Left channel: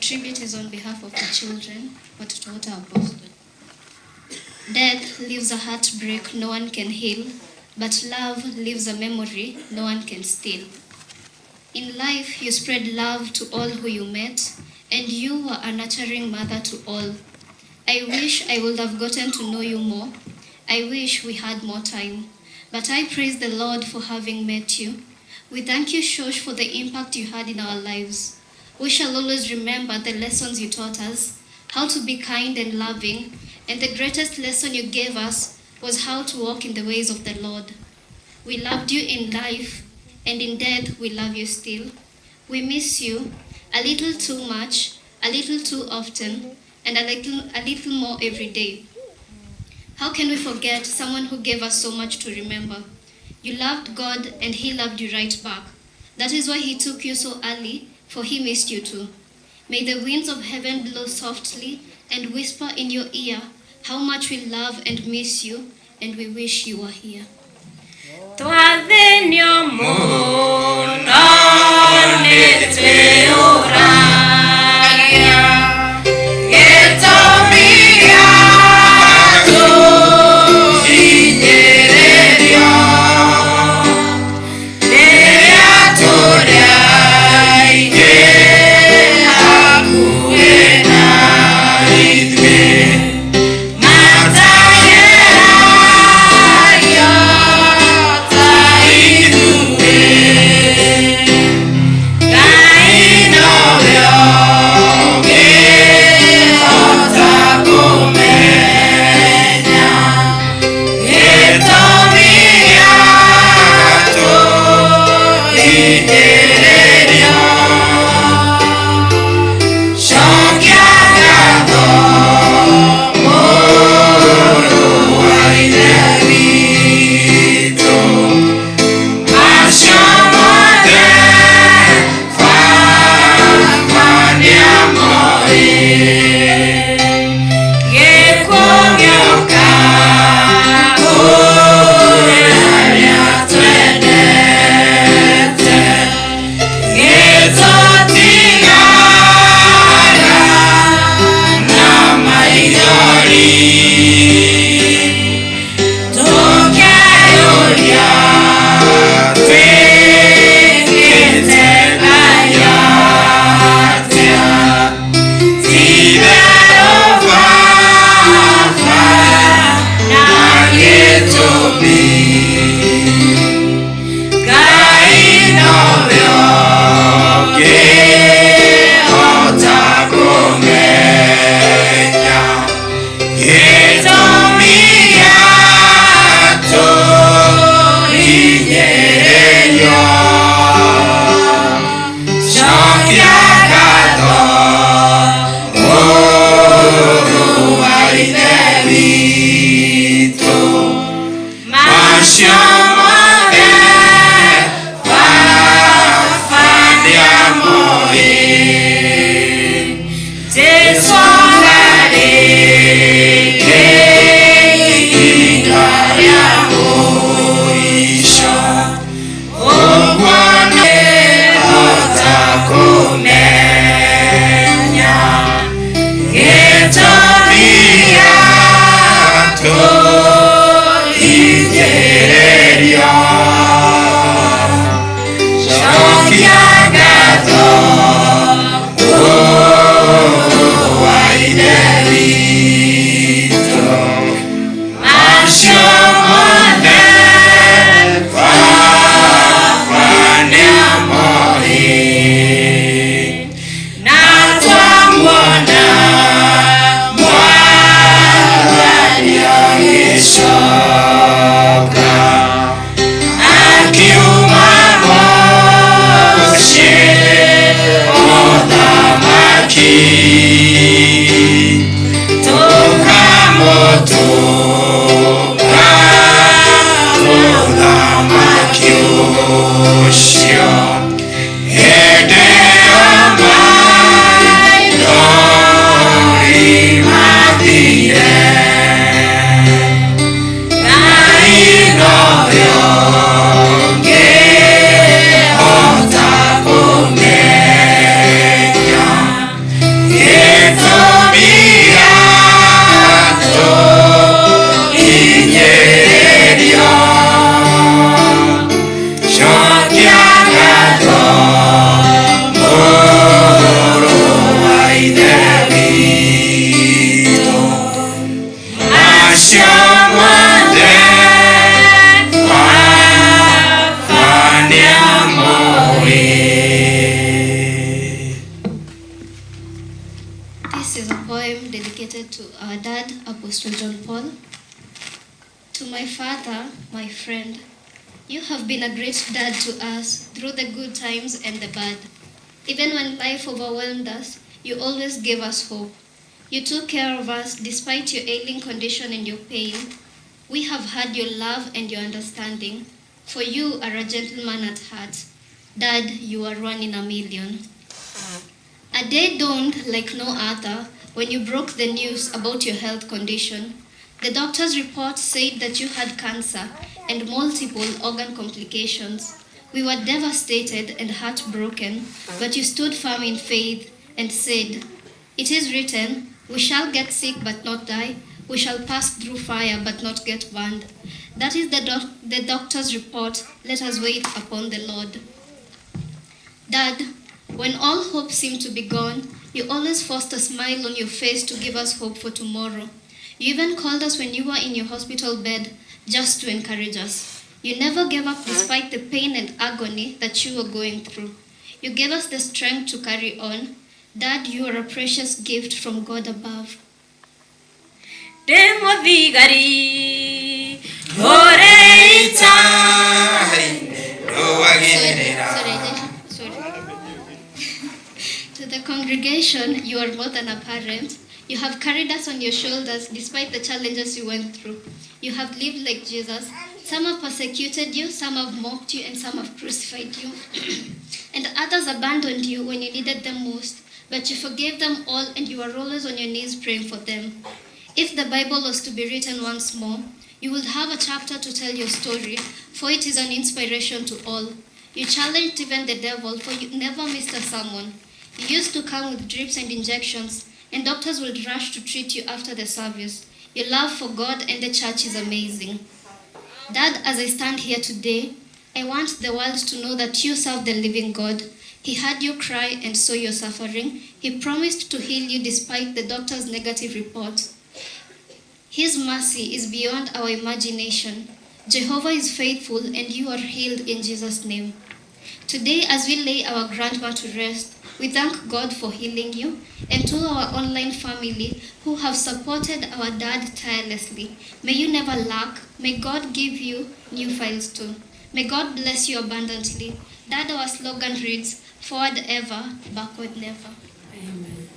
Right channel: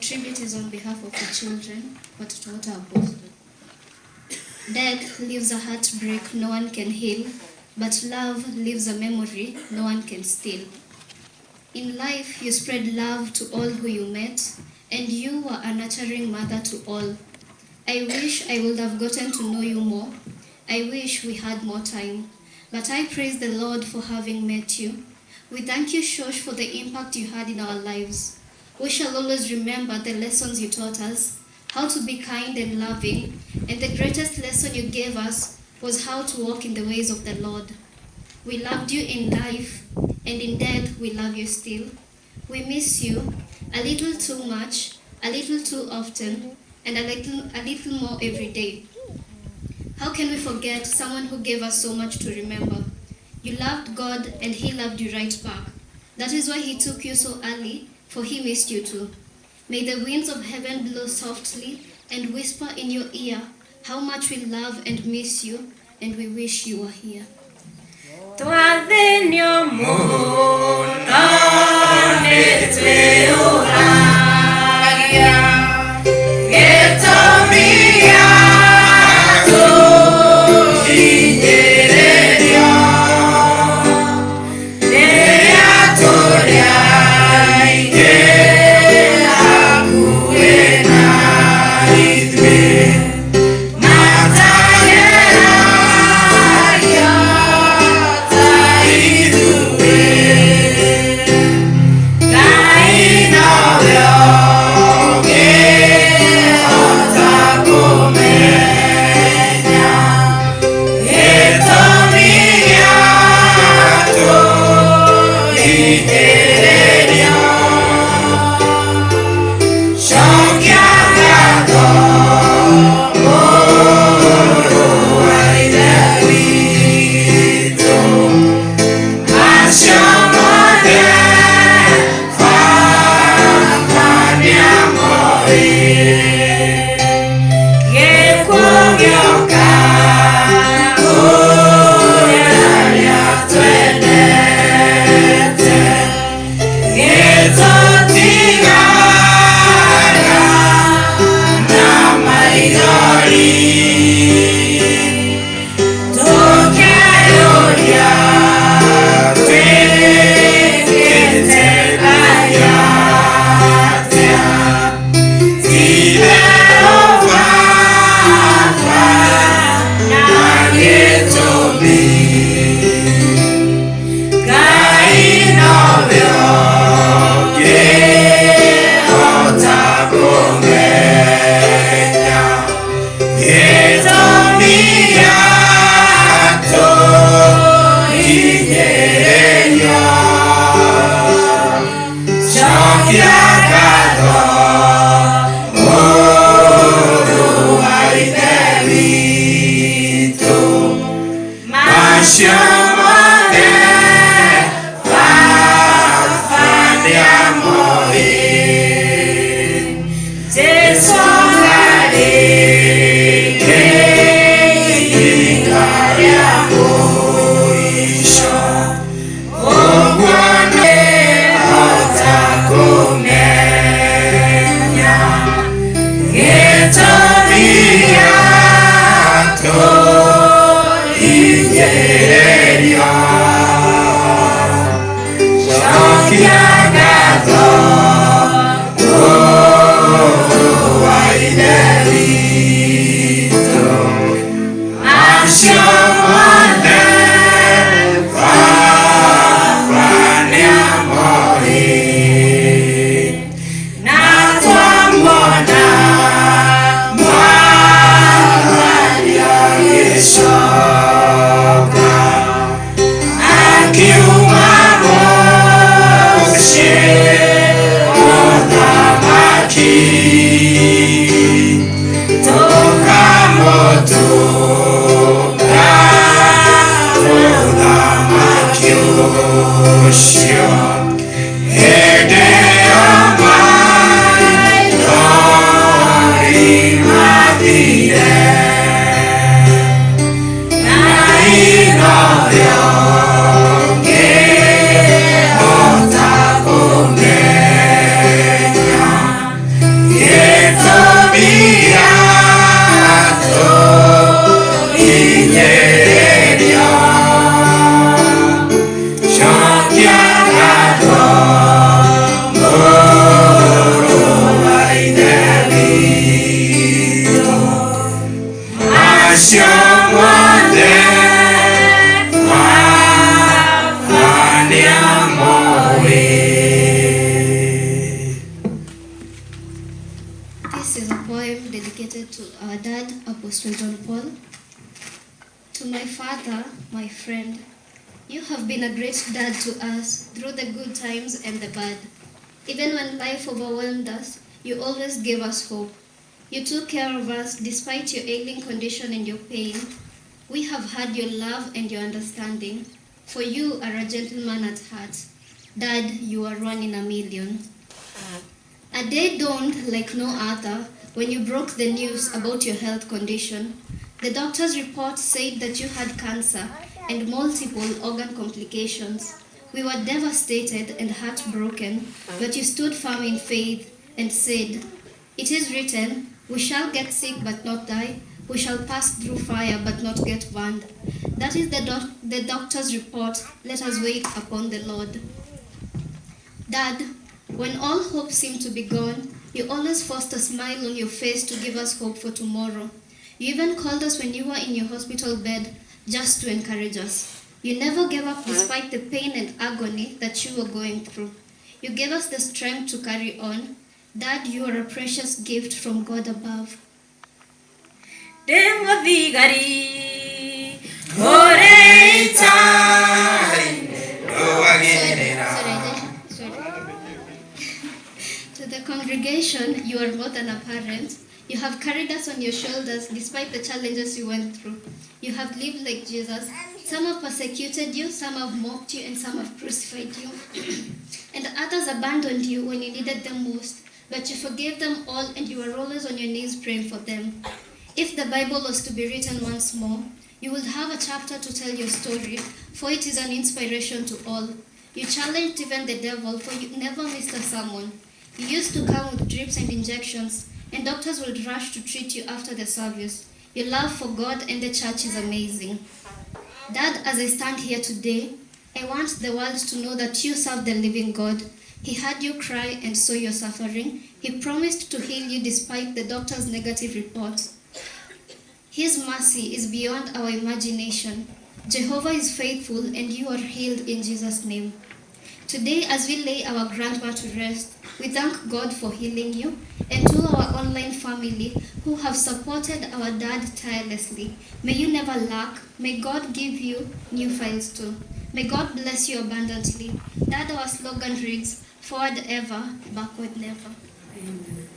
tribute is on behalf of the children, watoto wote wa Boston. Death leaves a heartbreak no one can heal, but love leaves a memory no one can steal. In life, you spread love to all who you met, and you were a nurturing mother to all. I wish I would have gotten to know you more. I wish we had more time. But I praise the Lord for having met you. We thank you, Shosh, for the impact you had in our lives. We shall always remember the lessons you taught us, how to be kind and loving, and the greatest lesson you gave us was how to walk in the ways of the Lord. We loved you in life, and in death we love you still. We miss you a little too much, a little too often, and a little more every day. How can we forget someone who gave us so much to remember? You loved God and He loved you right back. That is why He took you so early, for He missed you too. May the winds of heaven blow softly and whisper in your ear how much we love and miss you, and we wish you were here. to our dad, Apostle John Paul. To my father, my friend, you have been a great dad to us through the good times and the bad. Even when life overwhelmed us, you always gave us hope. You took care of us despite your ailing condition and your pain. We have had your love and your understanding, for you are a gentleman at heart. Dad, you are one in a million. A day dawned like no other when you broke the news about your health condition. The doctor's report said that you had cancer and multiple organ complications. We were devastated and heartbroken, but you stood firm in faith and said, "It is written, we shall get sick but not die. We shall pass through fire but not get burned." That is the doctor's report. Let us wait upon the Lord. Dad, when all hope seemed to be gone, you always forced a smile on your face to give us hope for tomorrow. You even called us when you were in your hospital bed just to encourage us. You never gave up despite the pain and agony that you were going through. You gave us the strength to carry on. Dad, you are a precious gift from God above. To the congregation, you are more than a parent. You have carried us on your shoulders despite the challenges you went through. You have lived like Jesus. Some have persecuted you, some have mocked you, and some have crucified you. And others abandoned you when you needed them most. But you forgave them all, and you are always on your knees praying for them. If the Bible was to be written once more, you would have a chapter to tell your story, for it is an inspiration to all. You challenged even the devil, for you never missed a sermon. You used to come with drips and injections, and doctors would rush to treat you after the service. Your love for God and the church is amazing. Dad, as I stand here today, I want the world to know that you serve the living God. He heard you cry and saw your suffering. He promised to heal you despite the doctor's negative report. His mercy is beyond our imagination. Jehovah is faithful, and you are healed in Jesus' name. Today, as we lay our grandma to rest, we thank God for healing you, and to our online family who have supported our dad tirelessly. May you never lack. May God give you new files too. May God bless you abundantly. Dad, our slogan reads, "Forward ever, backward never." Amen.